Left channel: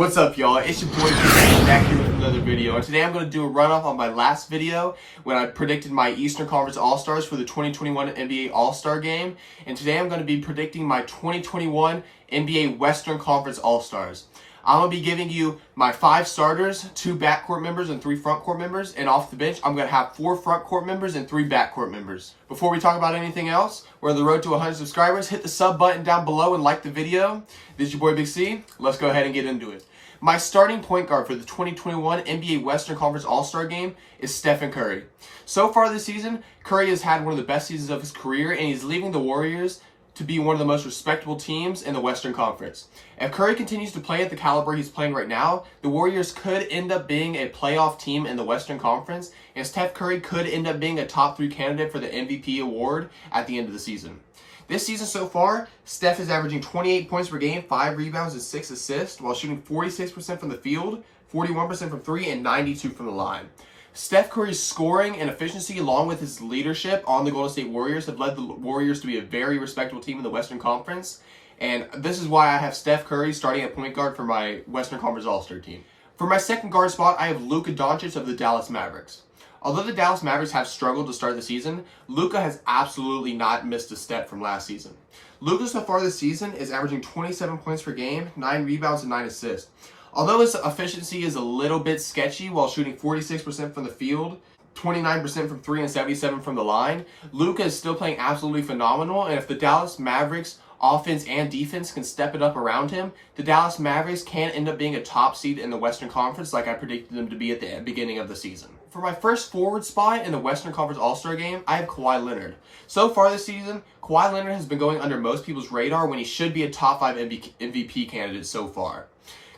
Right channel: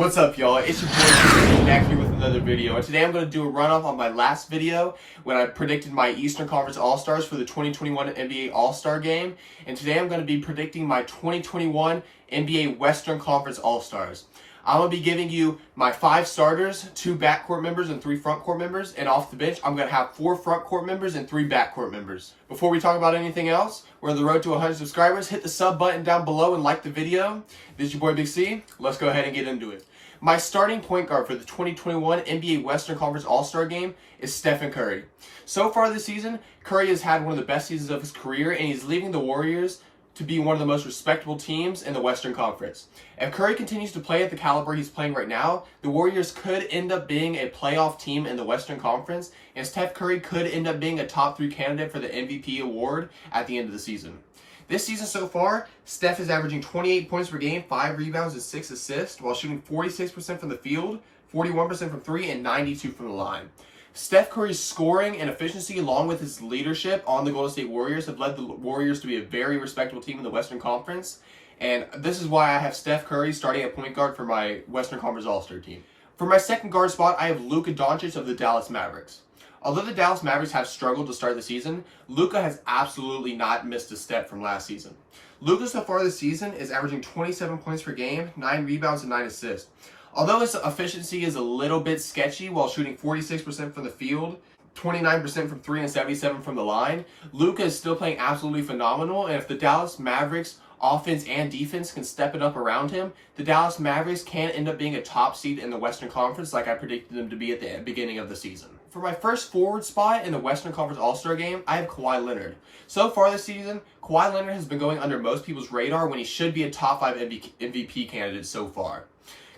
What's up, y'all? It's your boy Chris back here with another video, and today I'm going to do a runoff on my last video when I predicted my Eastern Conference All-Stars for the 2021 NBA All-Star Game, and today I'm going to be predicting my 2021 NBA Western Conference All-Stars. I'm going to be giving you my 5 starters, 2 backcourt members, and 3 frontcourt members, and off the bench I'm going to have 4 frontcourt members and 3 backcourt members. Before we talk about anything else, we're on the road to 100 subscribers. Hit the sub button down below and like the video. This is your boy Big C. Let's go ahead and get into it. My starting point guard for the 2021 NBA Western Conference All-Star Game is Stephen Curry. So far this season, Curry has had one of the best seasons of his career, and he's leaving the Warriors to be one of the most respectable teams in the Western Conference. If Curry continues to play at the caliber he's playing right now, the Warriors could end up being a playoff team in the Western Conference, and Steph Curry could end up being a top 3 candidate for the MVP award at the end of the season. This season so far, Steph is averaging 28 points per game, 5 rebounds, and 6 assists, while shooting 46% from the field, 41% from 3, and 92% from the line. Steph Curry's scoring and efficiency, along with his leadership on the Golden State Warriors, have led the Warriors to be a very respectable team in the Western Conference, and this is why I have Steph Curry starting at point guard for my Western Conference All-Star team. For my second guard spot, I have Luka Doncic of the Dallas Mavericks. Although the Dallas Mavericks have struggled to start the season, Luka has absolutely not missed a step from last season. Luka so far this season is averaging 27 points per game, 9 rebounds, and 9 assists. Although his efficiency is a little bit sketchy while shooting 46% from the field, 29% from 3, and 77% from the line, Luka is still playing absolutely phenomenal, and if the Dallas Mavericks offense and defense can step it up around him, the Dallas Mavericks can end up being a top seed in the Western Conference like I predicted them to be at the beginning of the season. For my first forward spot in the Western Conference All-Star Game, I have Kawhi Leonard. So far this season, Kawhi Leonard has been going under most people's radar when he should be a top 5 MVP candidate so far.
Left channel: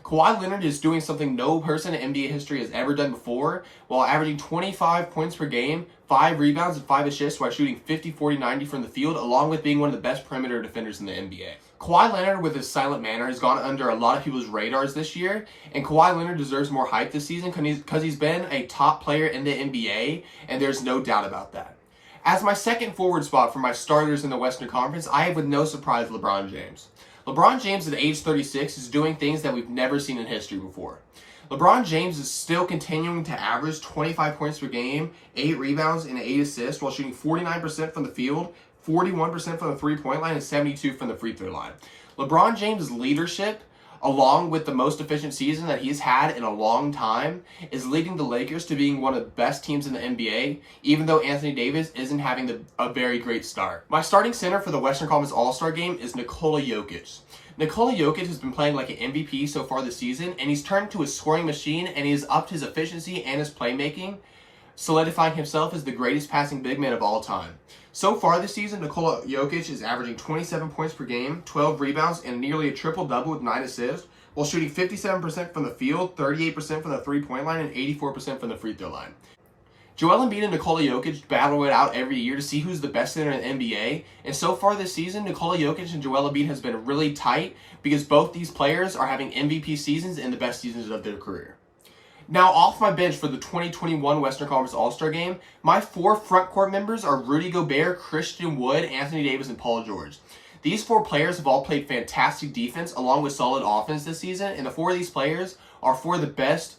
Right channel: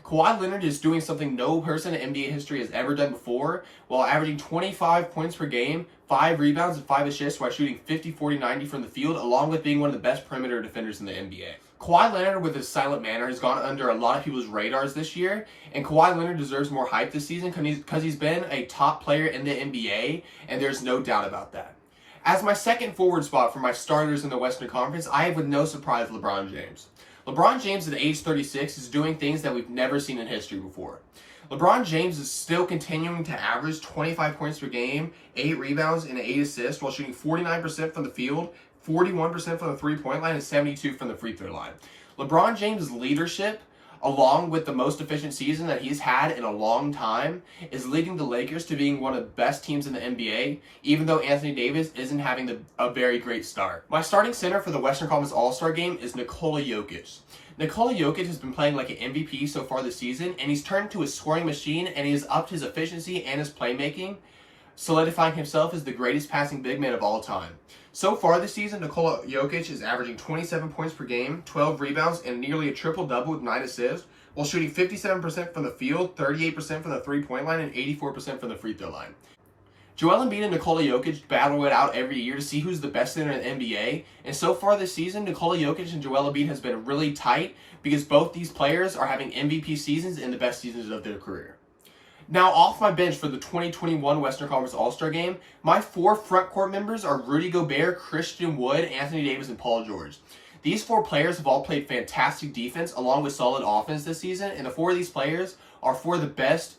Kawhi Leonard is doing something no person in NBA history has ever done before, while averaging 25 points per game, 5 rebounds, and 5 assists while shooting 50, 40, 90 from the field, along with being one of the best perimeter defenders in the NBA. Kawhi Leonard, with his silent manner, has gone under a lot of people's radars this year, and Kawhi Leonard deserves more hype this season because he's been a top player in the NBA, and there's no doubt about that. As my second forward spot for my starters in the Western Conference, I have, with no surprise, LeBron James. LeBron James at age 36 is doing things that we've never seen in history before. LeBron James is still continuing to average 25 points per game, 8 rebounds, and 8 assists while shooting 49% from the field, 41% from the three-point line, and 72% from the free throw line. LeBron James' leadership, along with the most efficient season that he's had in a long time, is leading the Lakers to being one of the best teams in the NBA, even though Anthony Davis isn't having a very great start. My starting center for the Western Conference All-Star Game is Nikola Jokic. Nikola Jokic has been playing like an MVP so far this season, and he's turned to a scoring machine, and he has upped his efficiency and his playmaking, solidifying himself as the greatest passing big man of all time. So far this season, Nikola Jokic is averaging 27 points per game, 12 rebounds, and nearly a triple-double with 9 assists, while shooting 57% from the field, 38% from the three-point line, and 84% from the free throw line. Joel Embiid and Nikola Jokic battle it out every year to see who's the best center in the NBA, and so far this season, Nikola Jokic and Joel Embiid has been really tight because both these players are having MVP seasons and the best seasons of their career. Now, off my bench for the 2021 Western Conference All-Star Game, my 4 frontcourt members are Rudy Gobert, Christian Wood, Anthony Davis, and Paul George. These 4 players have all played fantastic defense along with solid offense this season, and the 4 of these players are 4 of the best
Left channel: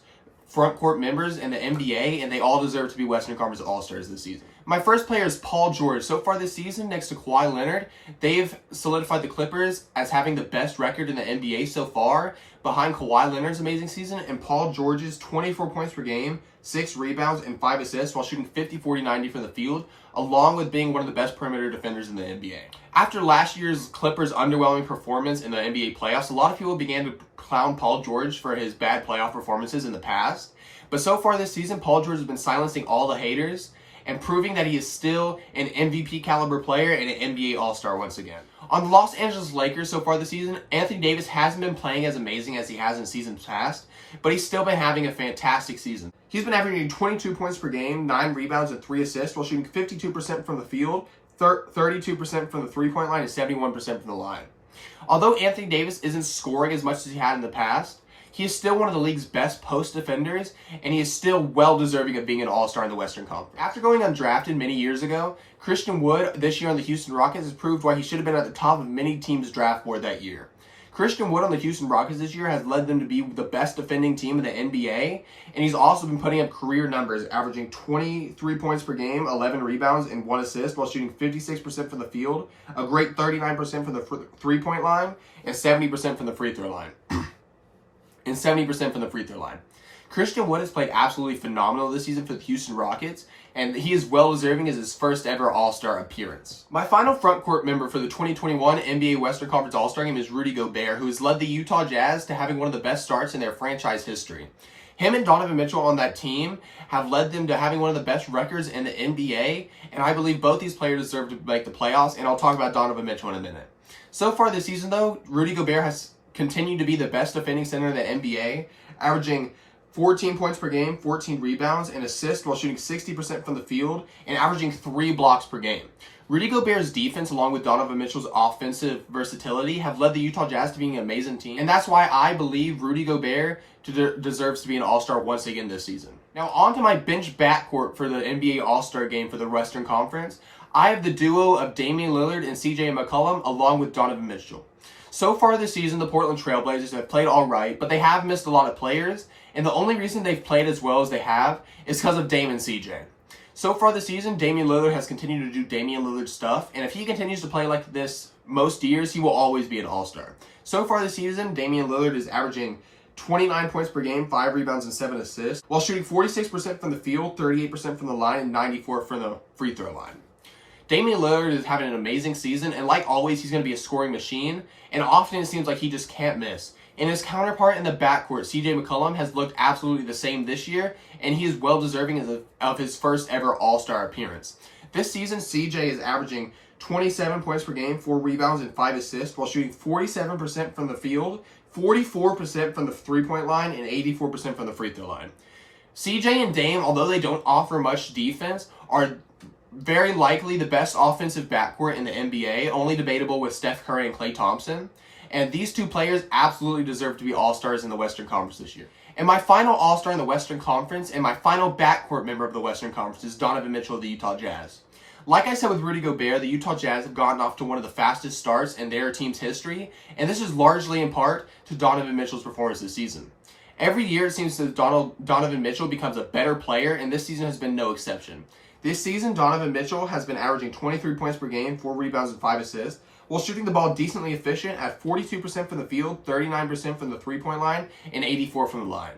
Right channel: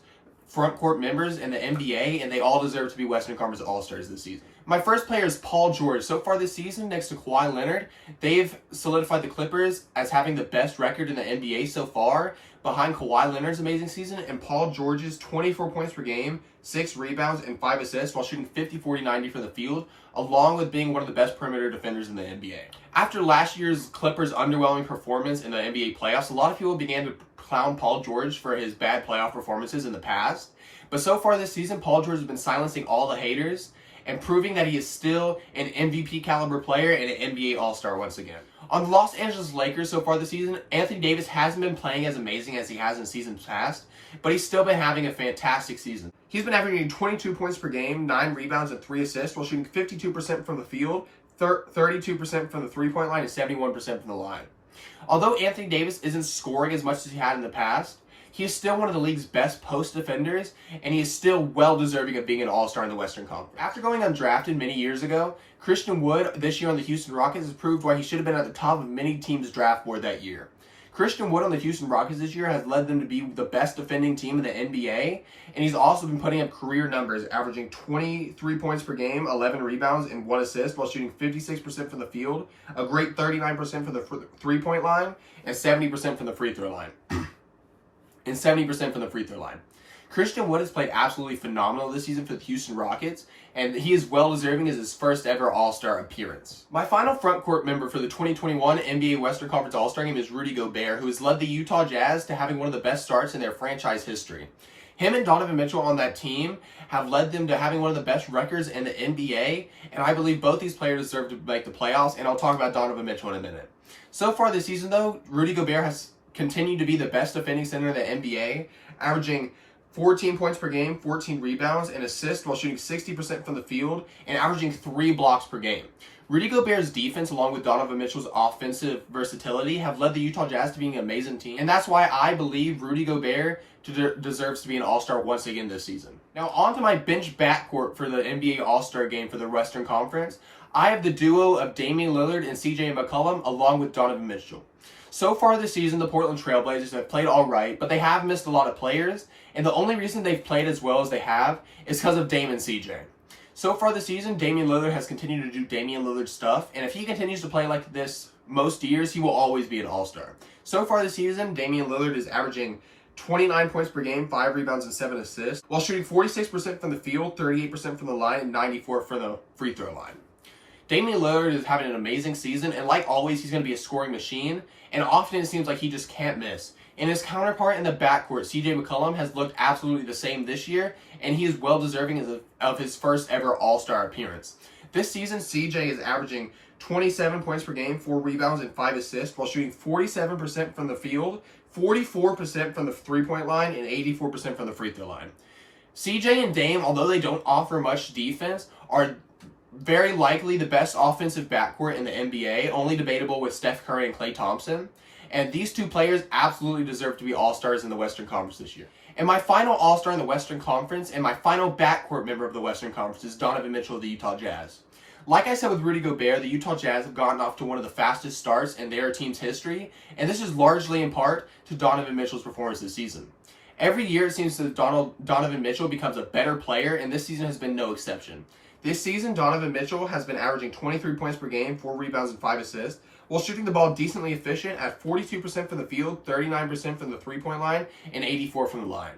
frontcourt members in the NBA, and they all deserve to be Western Conference All-Stars this season. My first player is Paul George. So far this season, next to Kawhi Leonard, they've solidified the Clippers as having the best record in the NBA so far, behind Kawhi Leonard's amazing season and Paul George's 24 points per game, 6 rebounds, and 5 assists while shooting 50, 40, 90 from the field, along with being one of the best perimeter defenders in the NBA. After last year's Clippers' underwhelming performance in the NBA playoffs, a lot of people began to clown Paul George for his bad playoff performances in the past. But so far this season, Paul George has been silencing all the haters and proving that he is still an MVP caliber player and an NBA All-Star once again. On the Los Angeles Lakers so far this season, Anthony Davis hasn't been playing as amazing as he has in seasons past, but he's still been having a fantastic season. He's been averaging 22 points per game, 9 rebounds, and 3 assists while shooting 52% from the field, 32% from the three-point line, and 71% from the line. Although Anthony Davis isn't scoring as much as he had in the past, he is still one of the league's best post defenders, and he is still well deserving of being an all-star in the Western Conference. After going undrafted many years ago, Christian Wood this year on the Houston Rockets has proved why he should have been at the top of many teams' draft board that year. Christian Wood on the Houston Rockets this year has led them to be the best defending team in the NBA, and he's also been putting up career numbers, averaging 23 points per game, 11 rebounds, and 1 assist, while shooting 56% from the field, a great 39% from the three-point line, and 70% from the free throw line. Christian Wood has played absolutely phenomenal this season for the Houston Rockets, and he is well deserving as his first ever All-Star appearance. My final front court member for the 2021 NBA Western Conference All-Star Game is Rudy Gobert, who has led the Utah Jazz to having one of the best starts in their franchise history. Him and Donovan Mitchell on that team have led them to having one of the best records in the NBA, and I believe both these players deserve to make the playoffs, and I'll talk about Donovan Mitchell in a minute. So far this season, though, Rudy Gobert has continued to be the best defending center in the NBA, averaging 14 points per game, 14 rebounds, and assists while shooting 60% from the field and averaging 3 blocks per game. Rudy Gobert's defense, along with Donovan Mitchell's offensive versatility, have led the Utah Jazz to being an amazing team, and that's why I believe Rudy Gobert deserves to be an All-Star once again this season. Now, on to my bench backcourt for the NBA All-Star Game for the Western Conference. I have the duo of Damian Lillard and CJ McCollum, along with Donovan Mitchell. So far this season, the Portland Trail Blazers have played all right, but they have missed a lot of players, and the only reason they've played as well as they have is because of Dame and CJ. So far this season, Damian Lillard has continued to do Damian Lillard stuff, and if he continues to play like this most years, he will always be an All-Star. So far this season, Damian Lillard is averaging 29 points per game, 5 rebounds, and 7 assists, while shooting 46% from the field, 38% from the line, and 94% from the free throw line. Damian Lillard is having an amazing season, and like always, he's going to be a scoring machine, and often it seems like he just can't miss. And his counterpart in the backcourt, CJ McCollum, has looked absolutely the same this year, and he is well deserving of his first ever All-Star appearance. This season, CJ is averaging 27 points per game, 4 rebounds, and 5 assists, while shooting 47% from the field, 44% from the three-point line, and 84% from the free throw line. CJ and Dame, although they don't offer much defense, are very likely the best offensive backcourt in the NBA, only debatable with Steph Curry and Klay Thompson. And these two players absolutely deserve to be All-Stars in the Western Conference this year. And my final All-Star in the Western Conference and my final backcourt member of the Western Conference is Donovan Mitchell of the Utah Jazz. Like I said with Rudy Gobert, the Utah Jazz have gotten off to one of the fastest starts in their team's history, and this is largely in part to Donovan Mitchell's performance this season. Every year it seems that Donovan Mitchell becomes a better player, and this season has been no exception. This season, Donovan Mitchell has been averaging 23 points per game, 4 rebounds, and 5 assists, while shooting the ball decently efficient at 42% from the field, 39% from the three-point line, and 84% from the line.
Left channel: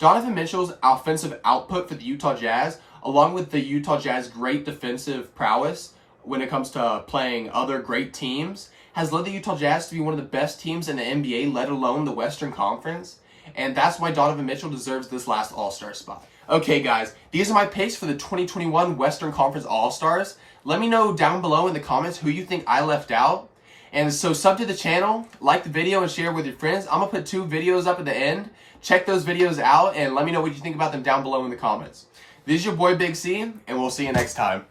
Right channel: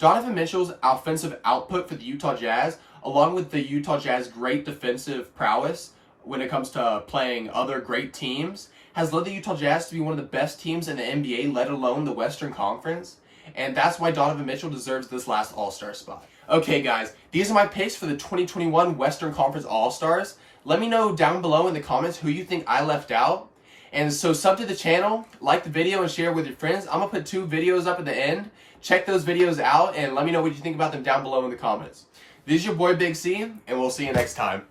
Donovan Mitchell's offensive output for the Utah Jazz, along with the Utah Jazz great defensive prowess when it comes to playing other great teams, has led the Utah Jazz to be one of the best teams in the NBA, let alone the Western Conference. And that's why Donovan Mitchell deserves this last All-Star spot. Okay, guys, these are my picks for the 2021 Western Conference All-Stars. Let me know down below in the comments who you think I left out. And so sub to the channel, like the video, and share with your friends. I'm going to put 2 videos up at the end. Check those videos out, and let me know what you think about them down below in the comments. This is your boy Big C, and we'll see you next time.